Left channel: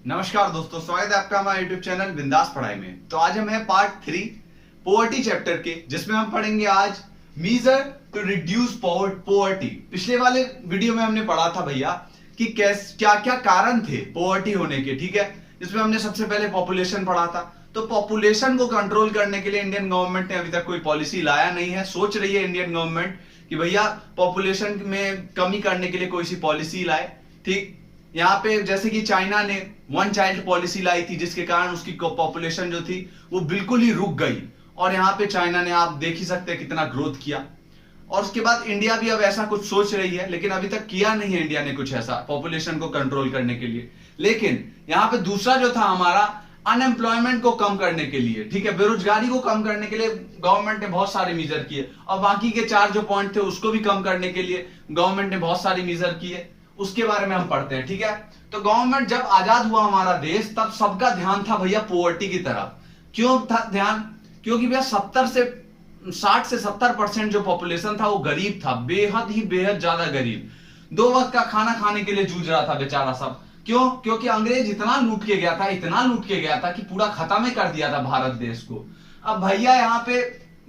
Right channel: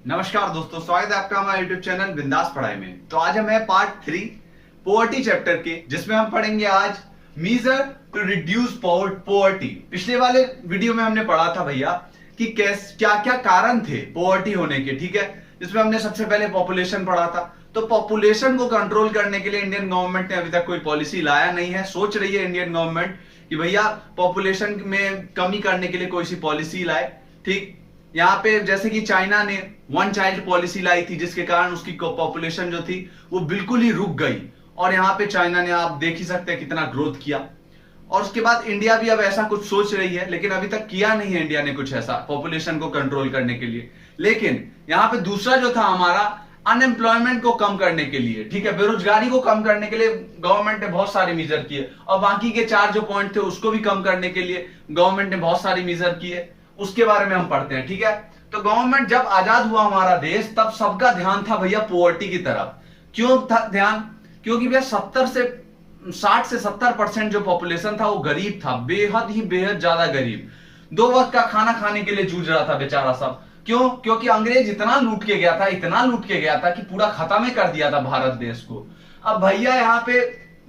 नमस्कार दोस्तों, स्वागत है आपका हमारे YouTube चैनल बिंदास पढ़ाई में। तो आज हम हैं पार्ट 3 पोवर्टी चैप्टर के, जिसमें हम पढ़ेंगे आज मीजर टू रिड्यूस पोवर्टी। पिछले वाले वीडियो में हमने पढ़ा था भैया कि क्या क्या कारण थे पोवर्टी होने के, ठीक है। जिसमें हमने सबसे पहले पॉपुलेशन पढ़ा था। तो पॉपुलेशन को कंट्रोल करने के लिए इंडियन गवर्नमेंट ने अभी तक कोई पॉलिसी लाया नहीं है। सोच रही है इंडियन गवर्नमेंट कि भैया पॉपुलेशन में कमी करने के लिए कोई सी पॉलिसी लाए, ठीक। यहाँ पे जैसे कि चाइना ने वन चाइल्ड पॉलिसी लाई थी, जिसके कारण उसकी पॉपुलेशन जो थी वो बिल्कुल ही रुक गई। और यहाँ पे चाइना ने, आप देख ही सकते हैं, कितना ग्रोथ किया। और उसके बाद इंडिया भी अब ऐसा कुछ सोच रही है, लेकिन अभी तक किया नहीं है इंडिया ने कुछ ऐसा पॉपुलेशन को कंट्रोल करने के लिए। लेकिन यहाँ पे दूसरा जो था हमारा, अनएम्प्लॉयमेंट को कम करने के लिए, ठीक है, बेरोजगारी को कम करने के लिए गवर्नमेंट ने बहुत सारे मीजर किए। और बाकी के 4 जो पॉइंट थे उसको भी कम करने के लिए गवर्नमेंट ने बहुत सारे मीजर किए। उसके बारे में हम पढ़ते हैं, ठीक है। तो गवर्नमेंट जब आजाद हुआ हमारा देश, तब सबका ध्यान था भैया पोवर्टी की तरफ। क्यों था ध्यान? क्योंकि भैया 60 से 70% जो पॉपुलेशन था वो गरीब था, बेहद ज्यादा गरीब। 2 वक्त का खाना खाने के लिए जूझ रहा था बेचारा सब। क्यों? क्योंकि अंग्रेज इतना लूट के गया था कि पूरा खत्म ही कर दिया था भारत देश को। अब भैया यहाँ पे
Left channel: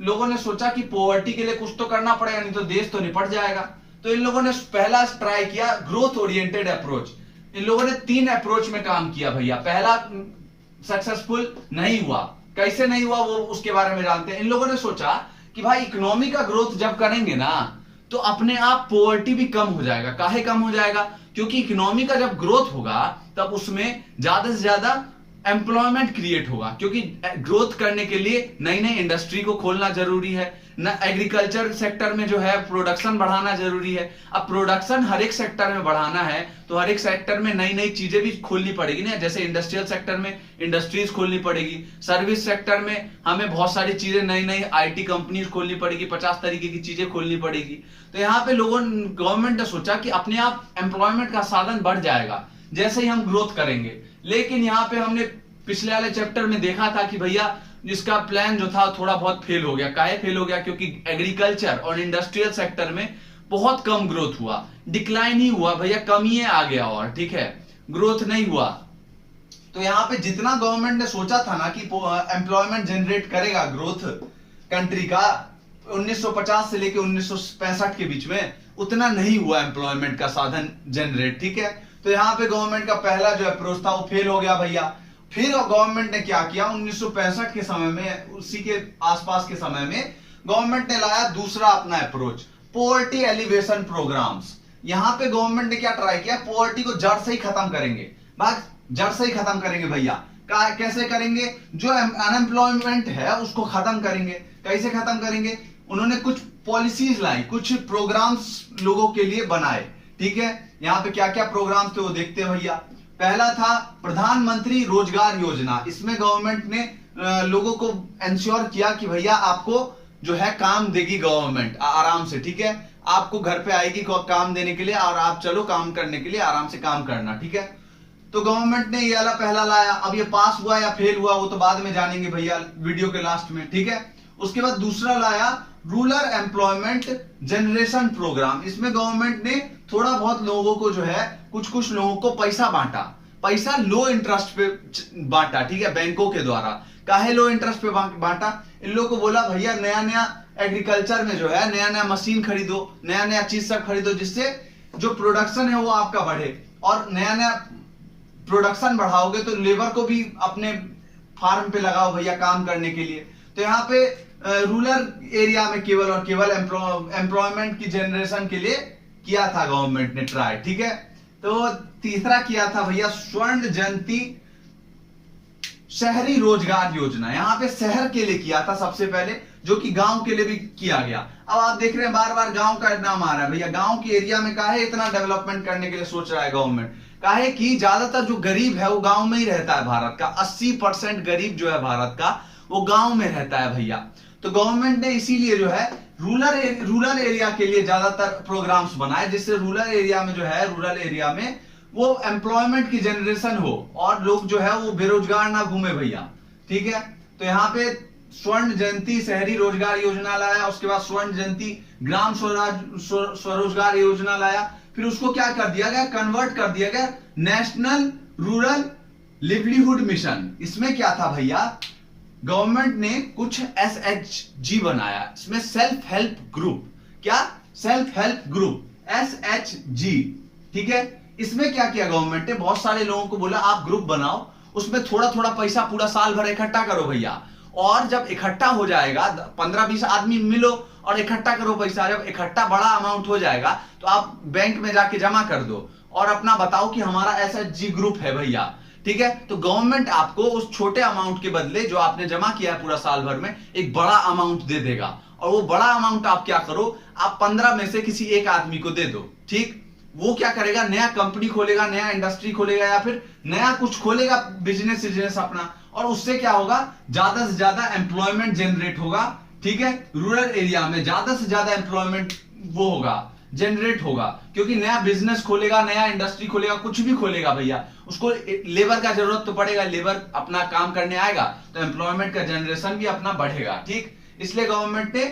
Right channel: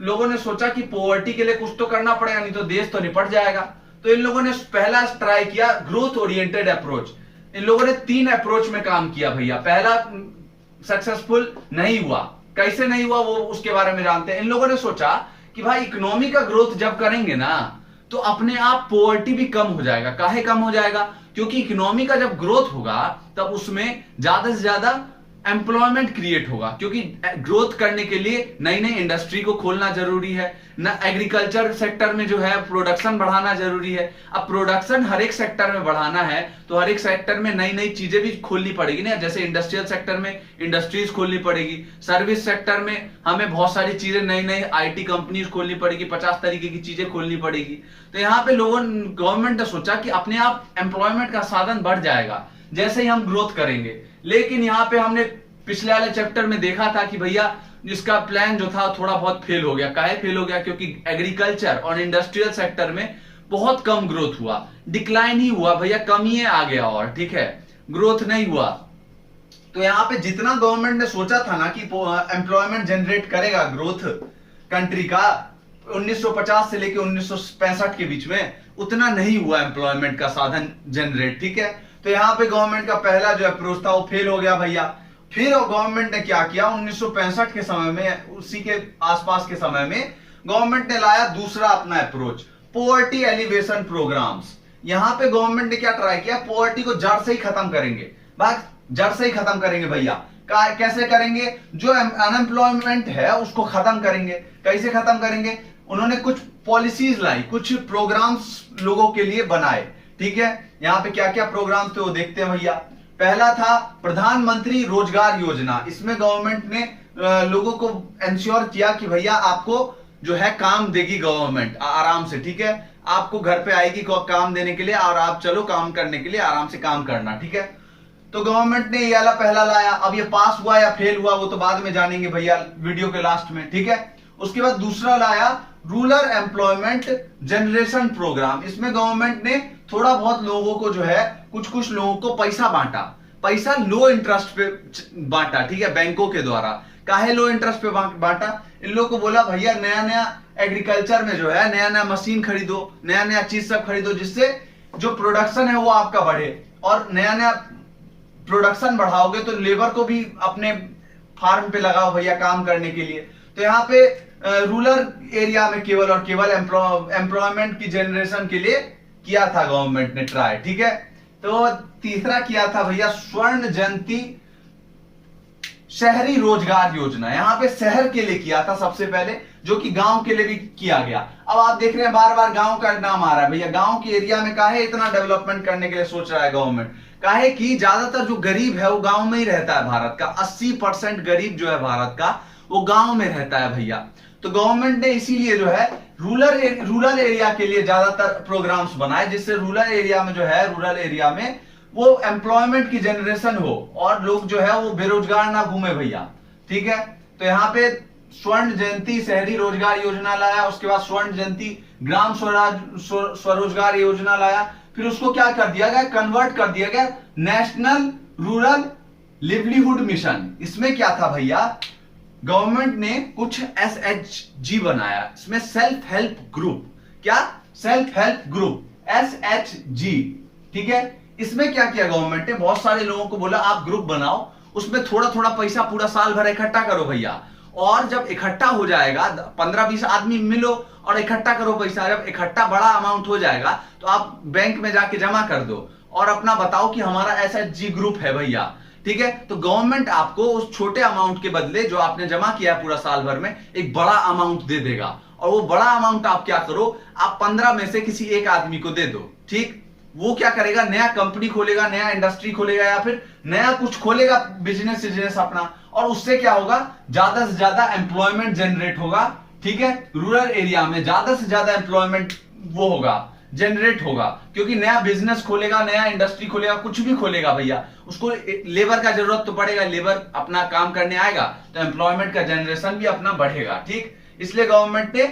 लोगों ने सोचा कि पोवर्टी के लिए कुछ तो करना पड़ेगा, नहीं तो देश तो निपट जाएगा। तो इन लोगों ने पहला ट्राई किया ग्रोथ ओरिएंटेड अप्रोच। इन लोगों ने 3 अप्रोच में काम किया भैया। पहला सक्सेसफुल नहीं हुआ। कैसे नहीं हुआ वो उसके बारे में जानते हैं। इन लोगों ने सोचा कि भाई इकोनॉमी का ग्रोथ जब करेंगे ना, तो अपने आप पोवर्टी भी कम हो जाएगा। काहे कम हो जाएगा? क्योंकि इकोनॉमी का जब ग्रोथ होगा तब उसमें ज्यादा से ज्यादा एम्प्लॉयमेंट क्रिएट होगा। क्योंकि ग्रोथ करने के लिए नई नई इंडस्ट्री को खोलना जरूरी है ना। एग्रीकल्चर सेक्टर में जो है प्रोडक्शन बढ़ाना जरूरी है। अब प्रोडक्शन हर एक सेक्टर में बढ़ाना है तो हर एक सेक्टर में नई नई चीजें भी खोलनी पड़ेगी ना। जैसे इंडस्ट्रियल सेक्टर में इंडस्ट्रीज खोलनी पड़ेगी, सर्विस सेक्टर में हमें बहुत सारी चीजें नई नई आईटी कंपनीज खोलनी पड़ेगी, 50 तरीके की चीजें खोलनी पड़ेगी। तो यहाँ पे गवर्नमेंट ने सोचा कि अपने आप एम्प्लॉयमेंट का साधन बढ़ जाएगा जैसे ही हम ग्रोथ करेंगे। लेकिन यहाँ पे हमने पिछले वाले चैप्टर में देखा था कि भैया इसका प्लान जो था थोड़ा बहुत फेल हो गया। काहे फेल हो गया? क्योंकि एग्रीकल्चर और इंडस्ट्रियल सेक्टर में बहुत कम ग्रोथ हुआ, डिक्लाइन ही हुआ भैया, कमी आ गया और, ठीक है, ग्रोथ नहीं हुआ। तो यहाँ पे जितना गवर्नमेंट ने सोचा था ना कि एम्प्लॉयमेंट जनरेट करेगा ग्रोथ कंट्री का 1950 से लेके 1965 के बीच में, उतना नहीं हुआ एम्प्लॉयमेंट का साधन जनरेट, ठीक है। तो यहाँ पे गवर्नमेंट का पहला जो अप्रोच था वो फेल हो गया भैया। फिर गवर्नमेंट ने क्या किया, 1965 के समय में, उसी के आसपास के समय में गवर्नमेंट ने लाया दूसरा अपना अप्रोच, पोवर्टी एलिवेशन प्रोग्राम्स। यहां पे गवर्नमेंट ने क्या ट्राई किया, पोवर्टी को जड़ से ही खत्म करेंगे। बात जड़ से ही खत्म करेंगे भैया। कैसे करेंगे? जो अनएम्प्लॉयमेंट है उसको खत्म करेंगे। कैसे खत्म करेंगे? उन्होंने कुछ पॉलिसीज लाई, कुछ प्रोग्राम्स लोगों के लिए बनाए, ठीक है। यहाँ पे क्या क्या प्रोग्राम्स थे वो देखते हैं भैया। पहला था प्रधानमंत्री रोजगार योजना। इसमें गवर्नमेंट ने लोगों को इंश्योर किया कि भैया आपको जो है काम देगी गवर्नमेंट आराम से, ठीक है। आपको घर पे आएगी काम देने के लिए और आप चलो काम करने के लिए, आराम से काम करना, ठीक है। तो गवर्नमेंट ने ये वाला पहला लाया। अब ये पास हुआ या फेल हुआ वो तो बाद में जानेंगे भैया वीडियो के लास्ट में, ठीक है। उसके बाद दूसरा लाया रूरल एम्प्लॉयमेंट जनरेशन प्रोग्राम। इसमें गवर्नमेंट ने थोड़ा बहुत लोगों को जो है, कुछ लोगों को पैसा बांटा, पैसा लो इंटरेस्ट पे बांटा, ठीक है, बैंकों के द्वारा। काहे लो इंटरेस्ट पे बांटा? इन लोगों को बोला भैया नया नया एग्रीकल्चर में जो है नया नया मशीन खरीदो, नया नया चीज सब खरीदो, जिससे जो प्रोडक्शन है वो आपका बढ़े। और नया नया प्रोडक्शन बढ़ाओगे तो लेबर को भी अपने फार्म पे लगाओ भैया काम करने के लिए। तो यहाँ पे रूरल एरिया में केवल और केवल एम्प्लॉयमेंट की जनरेशन के लिए किया था गवर्नमेंट ने ट्राई, ठीक है। तो तीसरा किया था भैया स्वर्ण जयंती शहरी रोजगार योजना। यहां पे शहर के लिए किया था सबसे पहले, जो कि गांव के लिए भी किया गया। अब आप देख रहे हैं बार बार गांव का नाम आ रहा है भैया। गांव के एरिया में काहे इतना डेवलपमेंट करने के लिए सोच रहा है गवर्नमेंट? काहे कि ज्यादातर जो गरीब है वो गांव में ही रहता है। भारत का 80% गरीब जो है भारत का, वो गांव में रहता है भैया। तो गवर्नमेंट ने इसीलिए जो है रूरल एरिया के लिए ज्यादातर प्रोग्राम्स बनाए, जिससे रूरल एरिया में वो एम्प्लॉयमेंट की जनरेशन हो और लोग जो है वो बेरोजगार ना घूमे भैया, ठीक है। तो यहाँ पे स्वर्ण जयंती शहरी रोजगार योजना लाया। उसके बाद स्वर्ण जयंती ग्राम स्वरोजगार योजना लाया। फिर उसको क्या कर दिया गया, कन्वर्ट कर दिया गया नेशनल रूरल लिवलीहुड मिशन, इसमें क्या था भैया, गवर्नमेंट ने कुछ SHG बनाया, इसमें सेल्फ हेल्प ग्रुप, क्या सेल्फ हेल्प ग्रुप SHG, ठीक है। इसमें क्या किया गवर्नमेंट ने, बहुत सारे लोगों को बोला आप ग्रुप बनाओ, उसमें थोड़ा थोड़ा पैसा पूरा साल भर इकट्ठा करो भैया, और जब इकट्ठा हो जाएगा 15-20 आदमी मिलो और इकट्ठा करो पैसा, जब इकट्ठा बड़ा अमाउंट हो जाएगा तो आप बैंक में जाके जमा कर दो और अपना बताओ कि हमारा SHG ग्रुप है भैया, ठीक है। तो गवर्नमेंट आपको उस छोटे अमाउंट के बदले जो आपने जमा किया पूरा साल भर में एक बड़ा अमाउंट दे देगा, और वो बड़ा अमाउंट आप क्या करो, आप 15 में से किसी एक आदमी को दे दो, ठीक। वो क्या करेगा, नया कंपनी खोलेगा, नया इंडस्ट्री खोलेगा, या फिर नया कुछ खोलेगा बिजनेस अपना, और उससे क्या होगा, ज्यादा से ज्यादा एम्प्लॉयमेंट जनरेट होगा, ठीक है। रूरल एरिया में ज्यादा से ज्यादा एम्प्लॉयमेंट वो होगा, जनरेट होगा, क्योंकि नया बिजनेस खोलेगा, नया इंडस्ट्री खोलेगा, कुछ भी खोलेगा भैया, उसको लेबर का जरूरत तो पड़ेगा, लेबर अपना काम करने आएगा तो एम्प्लॉयमेंट का जनरेशन भी अपना बढ़ेगा, ठीक। इसलिए गवर्नमेंट ने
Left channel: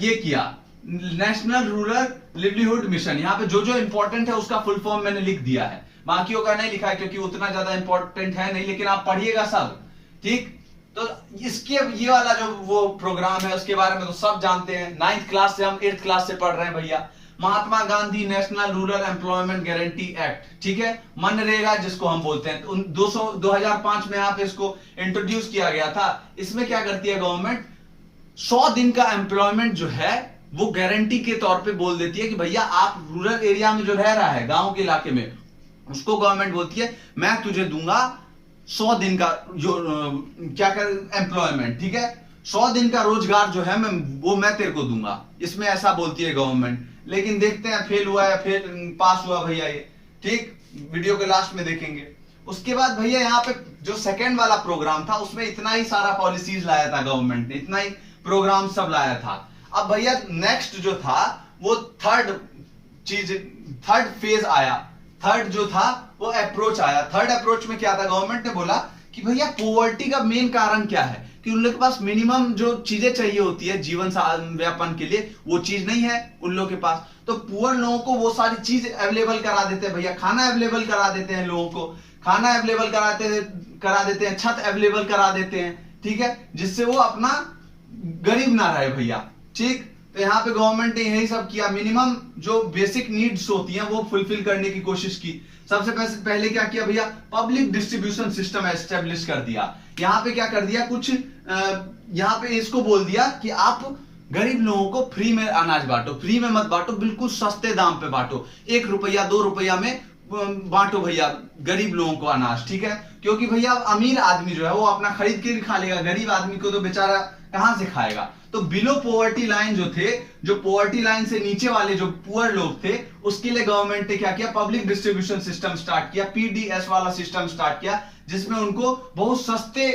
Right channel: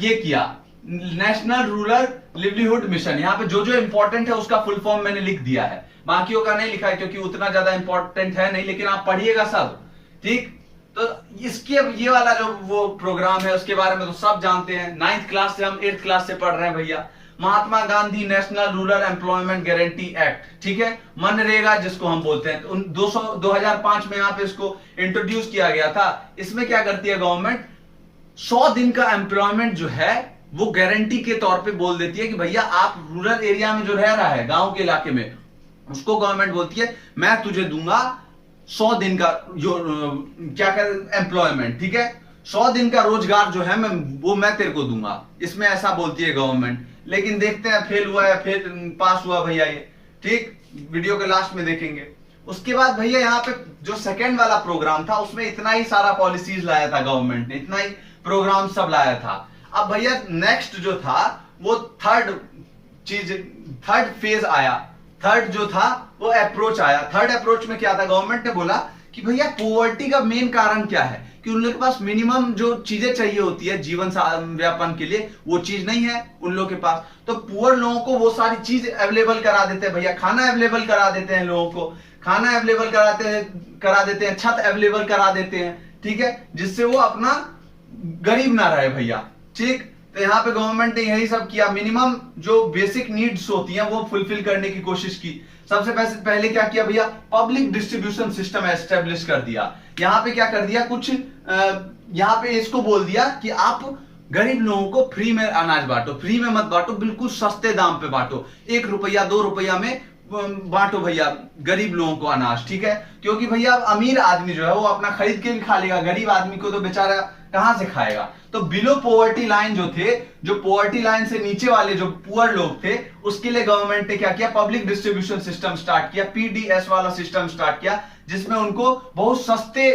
ये किया, नेशनल रूरल लिवलीहुड मिशन। यहाँ पे जो जो इंपॉर्टेंट है उसका फुल फॉर्म मैंने लिख दिया है, बाकियों का नहीं लिखा है क्योंकि उतना ज्यादा इंपॉर्टेंट है नहीं, लेकिन आप पढ़िएगा सब, ठीक। तो इसके ये वाला जो वो प्रोग्राम है उसके बारे में तो सब जानते हैं, 9th क्लास से हम 8th क्लास से पढ़ रहे हैं भैया। Mahatma Gandhi national rural employment guarantee act, ठीक है, मनरेगा जिसको हम बोलते हैं, 2005 में यहाँ पे इसको इंट्रोड्यूस किया गया था। इसमें क्या करती है गवर्नमेंट, 100 दिन का एम्प्लॉयमेंट जो है वो गारंटी के तौर पे बोल देती है कि भैया आप रूरल एरिया में जो रह रहा है, गांव के इलाके में, उसको गवर्नमेंट बोलती है मैं तुझे दूंगा 100 दिन का जो क्या कर एम्प्लॉयमेंट, ठीक है, 100 दिन का रोजगार जो है मैं तेरे को दूंगा, इसमें ऐसा बोलती है गवर्नमेंट। लेकिन देखते हैं फेल हुआ या फिर पास हुआ भैया ये, ठीक, वीडियो के लास्ट में देखेंगे। उसके बाद भैया यहाँ पे जो सेकेंड वाला प्रोग्राम था उसमें इतना ही सारा पॉलिसीज लाया था गवर्नमेंट ने, इतना ही प्रोग्राम सब लाया था। अब भैया नेक्स्ट जो था वो थर्ड फेज आया, थर्ड जो था वो अप्रोच आया। थर्ड अप्रोच में क्या था, गवर्नमेंट ने बोला कि भैया पॉवर्टी का मेन कारण क्या है कि उन लोगों के पास मिनिमम जो चीजें चाहिए होती है जीवन व्यापन के लिए वो चीज नहीं है उन लोगों के पास, तो पुअर लोगों को वो सारी चीज अवेलेबल करा देते हैं भैया, खाना अवेलेबल करा देते हैं लोगों को, खाना अवेलेबल करा देते हैं, छत अवेलेबल करा देते हैं, ठीक है, जिससे वो अपना गरीब ना रहे भैया, ठीक। तो यहाँ पे गवर्नमेंट ने यही सब किया, मिनिमम जो बेसिक नीड्स होती हैं वो फुलफिल करने की कोशिश की। सबसे पहले क्या किया भैया, पब्लिक डिस्ट्रीब्यूशन सिस्टम एस्टेब्लिश कर दिया। यहाँ पे क्या कर दिया, कुछ यहाँ पे इसको बोल दिया कि आप गरीब लोगों को फ्री में अनाज बांटो, फ्री में मत बांटो, बिल्कुल सस्ते दाम पे बांटो, 1 रुपया 2 रुपया में बांटो भैया गरीब लोगों को अनाज, ठीक है। क्योंकि भैया अमीर आदमी जो है वो अपना खरीद के भी खा लेगा, गरीब आदमी को तो बेचारा कहां से खाएगा। तो बिलो पॉवर्टी लाइन जो थे, जो पॉवर्टी लाइन से नीचे वाले जो पुअर लोग थे, उसके लिए गवर्नमेंट ने क्या किया, पब्लिक डिस्ट्रीब्यूशन सिस्टम स्टार्ट किया, PDS वाला सिस्टम स्टार्ट किया, जिसमें उनको बहुत सस्ते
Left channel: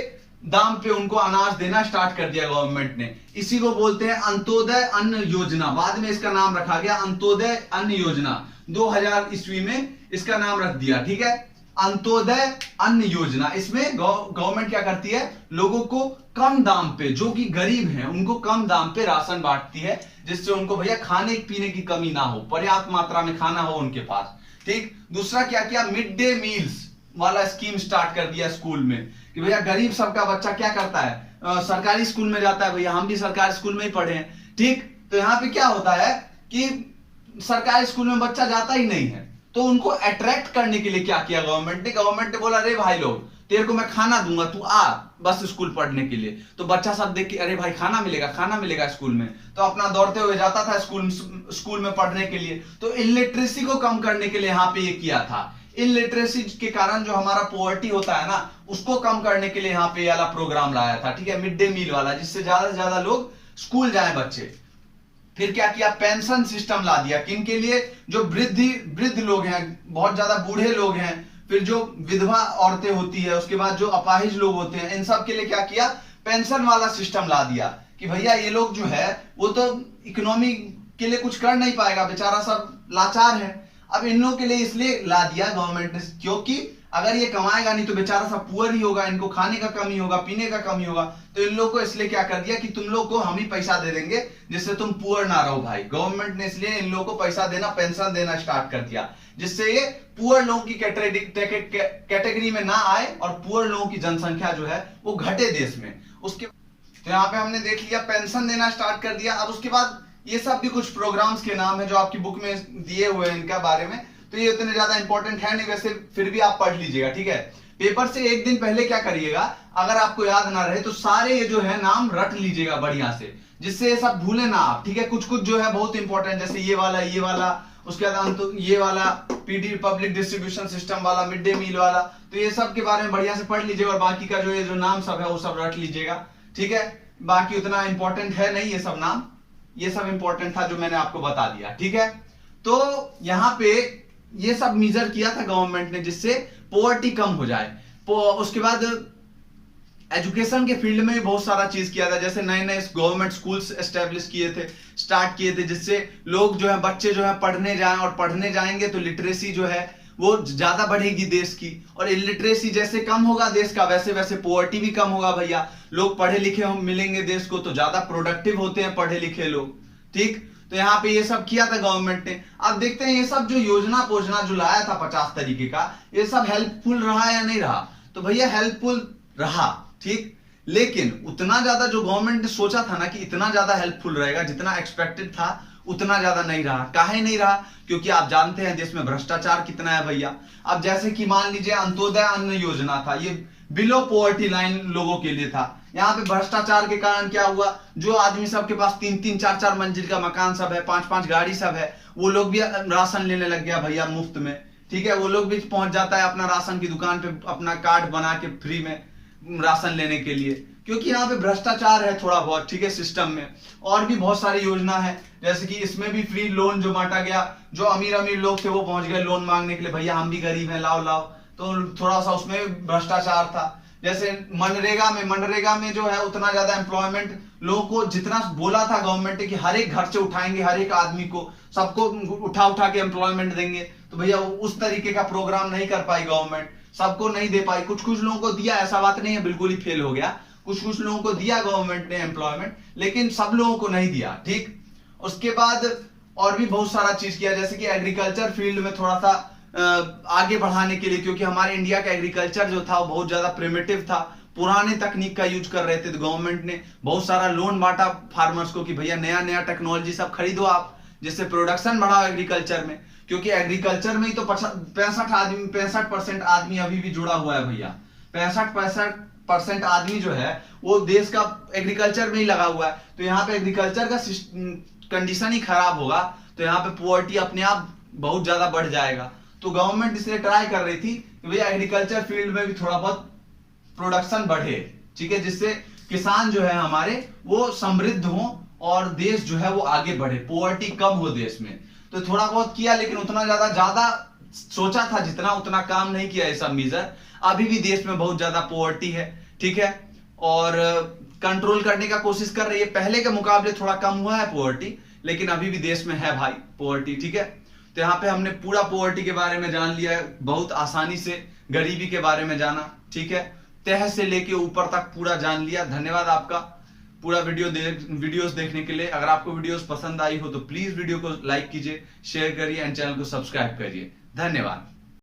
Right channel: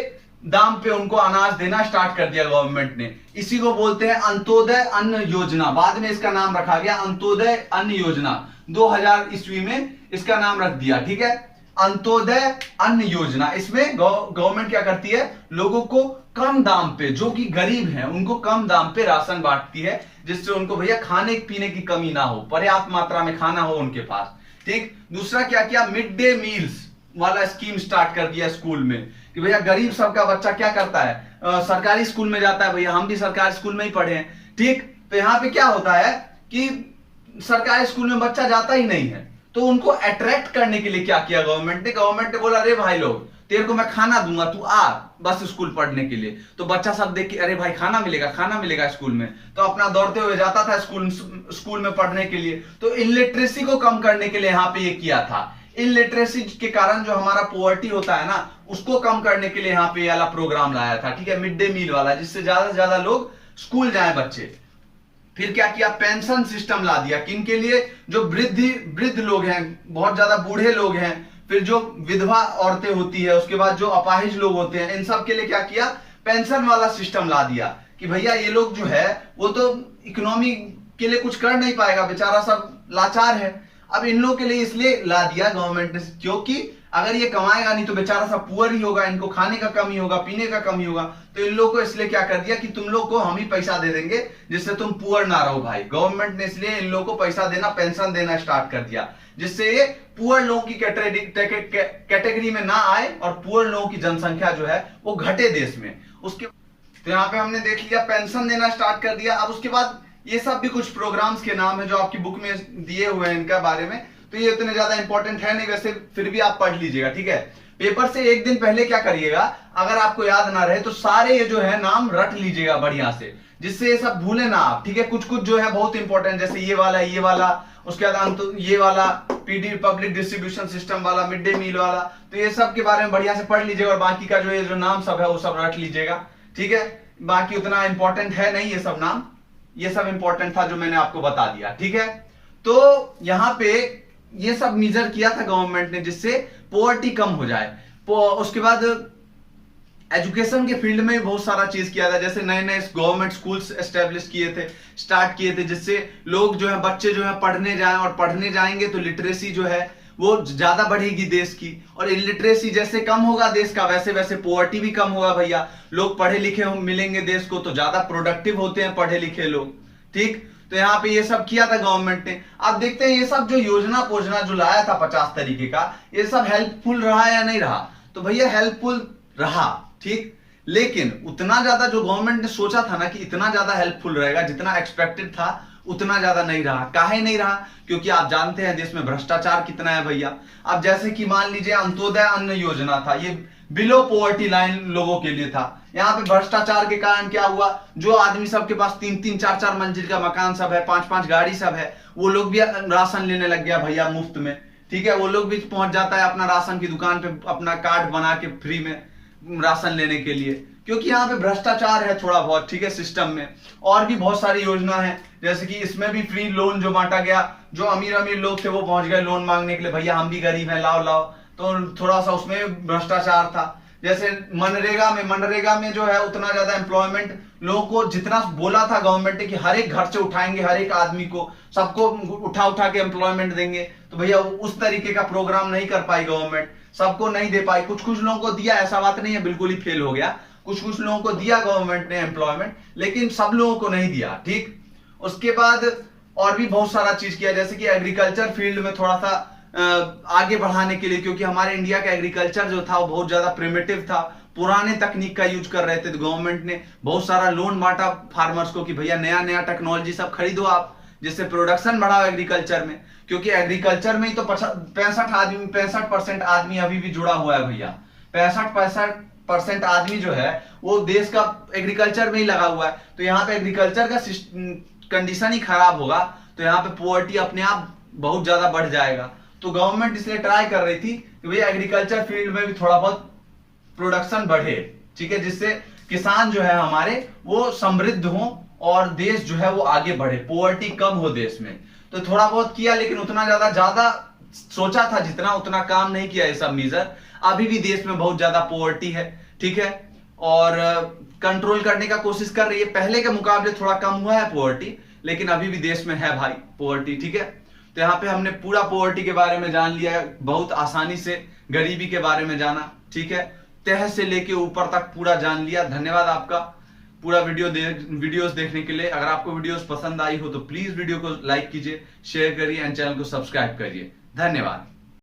दाम पे उनको अनाज देना स्टार्ट कर दिया गवर्नमेंट ने। इसी को बोलते हैं अंत्योदय अन्न योजना, बाद में इसका नाम रखा गया अंत्योदय अन्न योजना, 2000 ईस्वी में इसका नाम रख दिया, ठीक है, अंत्योदय अन्न योजना। इसमें गवर्नमेंट क्या करती है, लोगों को कम दाम पे, जो कि गरीब हैं उनको कम दाम पे राशन बांटती है, जिससे उनको भैया खाने पीने की कमी ना हो, पर्याप्त मात्रा में खाना हो उनके पास, ठीक। दूसरा क्या किया, मिड डे मील्स वाला स्कीम स्टार्ट कर दिया स्कूल में कि भैया गरीब सबका बच्चा क्या करता है, सरकारी स्कूल में जाता है, भैया हम भी सरकारी स्कूल में ही पढ़े हैं, ठीक। तो यहाँ पे क्या होता है कि सरकारी स्कूल में बच्चा जाता ही नहीं है, तो उनको अट्रैक्ट करने के लिए क्या किया गवर्नमेंट ने बोला अरे भाई लोग तेरे को मैं खाना दूंगा, तू आ बस स्कूल पढ़ने के लिए। तो बच्चा सब देख के अरे भाई खाना मिलेगा स्कूल में, तो अपना दौड़ते हुए जाता था स्कूल में पढ़ने के लिए। तो इलिटरेसी को कम करने के लिए यहाँ पे ये किया था, इलिटरेसी के कारण जो हमारा पॉवर्टी होता है ना, उसको कम करने के लिए यहाँ पे वाला प्रोग्राम लाया था, ठीक है, मिड डे मील वाला, जिससे ज्यादा से ज्यादा लोग स्कूल जाए बच्चे। फिर क्या किया, पेंशन सिस्टम ला दिया, किन के लिए, जो वृद्ध लोग हैं, बहुत ज्यादा बूढ़े लोग हैं, फिर जो विधवा औरतें होती है, उसके बाद जो अपाहिज लोग होते हैं, इन सब के लिए क्या किया, पेंशन वाला सिस्टम ला दिया कि भैया ये लोग जो है वो तो इकोनॉमी के लिए कुछ कर नहीं पाएगा, बेचारा सब लाचार है। अब इन लोगों के लिए इसलिए ला दिया गवर्नमेंट ने, क्योंकि अगर ये कमाएगा नहीं तो बेचारा सब पुअर ही होगा, इनको खाने का कमी होगा, पीने का कमी होगा। तो इन लोगों को इसलिए क्या कर दिया कि तुम लोग को हम ही पैसा दे देंगे जिससे तुम पुअर ना रहो भाई। गवर्नमेंट ने इसलिए इन लोगों को पैसा देना, पेंशन देना स्टार्ट कर दिया, जिससे ये पुअर लोगों की कैटेगरी में ना आए और पुअर लोगों की जनसंख्या जो है वो घटे देश में। उसके तो यहाँ पे हमने देख लिया पेंशन देना स्टार्ट कर दिया। अब उसके बाद ये सब भी कुछ प्रोग्राम्स के नाम है जो आपकी बुक में दिए हुए हैं इनका बारे में, तो ये इतने ज्यादा इंपॉर्टेंट है नहीं, वैसे फिर भी आप पढ़ लीजिएगा, ठीक है। पेपर से एक दिन पहले क्या करिएगा, अगर आपको याद ना रहे तो सारे ये जो है नाम रट लीजिएगा बढ़िया से, जिससे ये सब भूले ना आप, ठीक है। कुछ कुछ जो है बहुत इंपॉर्टेंट, जैसे ये वाला, उसके बाद ये वाला पीडी पब्लिक डिस्ट्रीब्यूशन सिस्टम वाला, मिड डे मील वाला, तो ये सब के बारे में बढ़िया से पढ़ लीजिएगा और बाकी का जो ये जो नाम सब है वो सब रट लीजिएगा, ठीक है। बाकी उतना इंपॉर्टेंट है नहीं ये सब नाम, ये सब इंपॉर्टेंट था जो मैंने आपको बता दिया, ठीक है। तो यहाँ पे ये सब मेजर किया था गवर्नमेंट ने जिससे पॉवर्टी कम हो जाए। उसके बाद एजुकेशन के फील्ड में भी बहुत सारा चीज किया था, जैसे नए नए गवर्नमेंट स्कूल्स स्टार्ट किए थे जिससे लोग जो है बच्चे जो है पढ़ने जाएं, और पढ़ने जाएंगे तो लिटरेसी जो है वो ज्यादा बढ़ेगी देश की, और इलिटरेसी जैसे कम होगा देश का वैसे वैसे पॉवर्टी भी कम होगा भैया। लोग पढ़े लिखे मिलेंगे देश को तो ज्यादा प्रोडक्टिव होते हैं पढ़े लिखे लोग, ठीक। तो यहाँ पे ये सब किया था गवर्नमेंट ने। अब देखते हैं ये सब जो योजना जो लाया था 50 तरीके का, ये सब हेल्पफुल रहा या नहीं रहा। तो भैया हेल्पफुल रहा, ठीक, लेकिन उतना ज्यादा जो गवर्नमेंट ने सोचा था ना कि इतना ज्यादा हेल्पफुल रहेगा, जितना एक्सपेक्टेड था उतना ज्यादा नहीं रहा। काहे नहीं रहा? क्योंकि आप जानते हैं देश में भ्रष्टाचार कितना है भैया। अब जैसे कि मान लीजिए अंत्योदय अन्न योजना था, ये बिलो पॉवर्टी लाइन लोगों के लिए था। यहाँ पे भ्रष्टाचार के कारण क्या हुआ, जो आदमी सबके पास 3-3, 4-4 मंजिल का मकान सब है, 5-5 गाड़ी सब है, वो लोग भी राशन लेने लग गया भैया मुफ्त में, ठीक है। वो लोग भी पहुंच जाता है अपना राशन की दुकान पे अपना कार्ड बना के फ्री में राशन लेने के लिए, क्योंकि यहाँ पे भ्रष्टाचार है थोड़ा बहुत, ठीक है, सिस्टम में। और भी बहुत सारी योजना है, जैसे कि इसमें भी फ्री लोन जो बांटा गया, जो अमीर लोग थे वो पहुंच गए लोन मांगने के लिए, भैया हम भी गरीब हैं लाओ, तो थोड़ा सा उसमें भ्रष्टाचार था। जैसे मनरेगा में जो है उतना ज्यादा एम्प्लॉयमेंट लोगों को जितना बोला था गवर्नमेंट ने कि हर एक घर से उठाएंगे, हर एक आदमी को सबको उठा के एम्प्लॉयमेंट देंगे, तो भैया उस तरीके का प्रोग्राम नहीं कर पाई गवर्नमेंट, सबको नहीं दे पाई। कुछ लोगों को दिया, ऐसा बात नहीं है बिल्कुल ही फेल हो गया, कुछ लोगों को दिया गवर्नमेंट ने एम्प्लॉयमेंट, लेकिन सब लोगों को नहीं दिया, ठीक। उसके बाद और भी बहुत सारा चीज किया, जैसे कि एग्रीकल्चर फील्ड में थोड़ा सा आगे बढ़ाने के लिए, क्योंकि हमारे इंडिया का एग्रीकल्चर जो था वो बहुत ज्यादा प्रिमिटिव था, पुराने तकनीक का यूज कर रहे थे। तो गवर्नमेंट ने बहुत सारा लोन बांटा फार्मर्स को कि भैया नया टेक्नोलॉजी सब खरीदो आप, जिससे प्रोडक्शन बढ़ाओ एग्रीकल्चर में, क्योंकि एग्रीकल्चर में ही तो 65% आदमी अभी भी जुड़ा हुआ है भैया। 65% आदमी जो है वो देश का एग्रीकल्चर में ही लगा हुआ है। तो यहाँ पे एग्रीकल्चर का कंडीशन ही खराब होगा तो यहाँ पे पॉवर्टी अपने आप बहुत ज्यादा बढ़ जाएगा। तो गवर्नमेंट इसलिए ट्राई कर रही थी कि भैया एग्रीकल्चर फील्ड में भी थोड़ा बहुत प्रोडक्शन बढ़े, ठीक है, जिससे किसान जो है हमारे वो समृद्ध हो और देश जो है वो आगे बढ़े, पॉवर्टी कम हो देश में। तो थोड़ा बहुत किया, लेकिन उतना ज्यादा सोचा था जितना उतना काम नहीं किया ये सब मेजर। अभी भी देश में बहुत ज्यादा पॉवर्टी है, ठीक है, और कंट्रोल करने का कोशिश कर रही है। पहले के मुकाबले थोड़ा कम हुआ है पॉवर्टी, लेकिन अभी भी देश में है भाई पॉवर्टी, ठीक है। तो यहाँ पे हमने पूरा पॉवर्टी के बारे में जान लिया है, बहुत आसानी से गरीबी के बारे में जाना, ठीक है, तह से लेके ऊपर तक पूरा जान लिया। धन्यवाद आपका पूरा वीडियोस देखने के लिए। अगर आपको वीडियोस पसंद आई हो तो प्लीज वीडियो को लाइक कीजिए, शेयर करिए एंड चैनल को सब्सक्राइब करिए। धन्यवाद।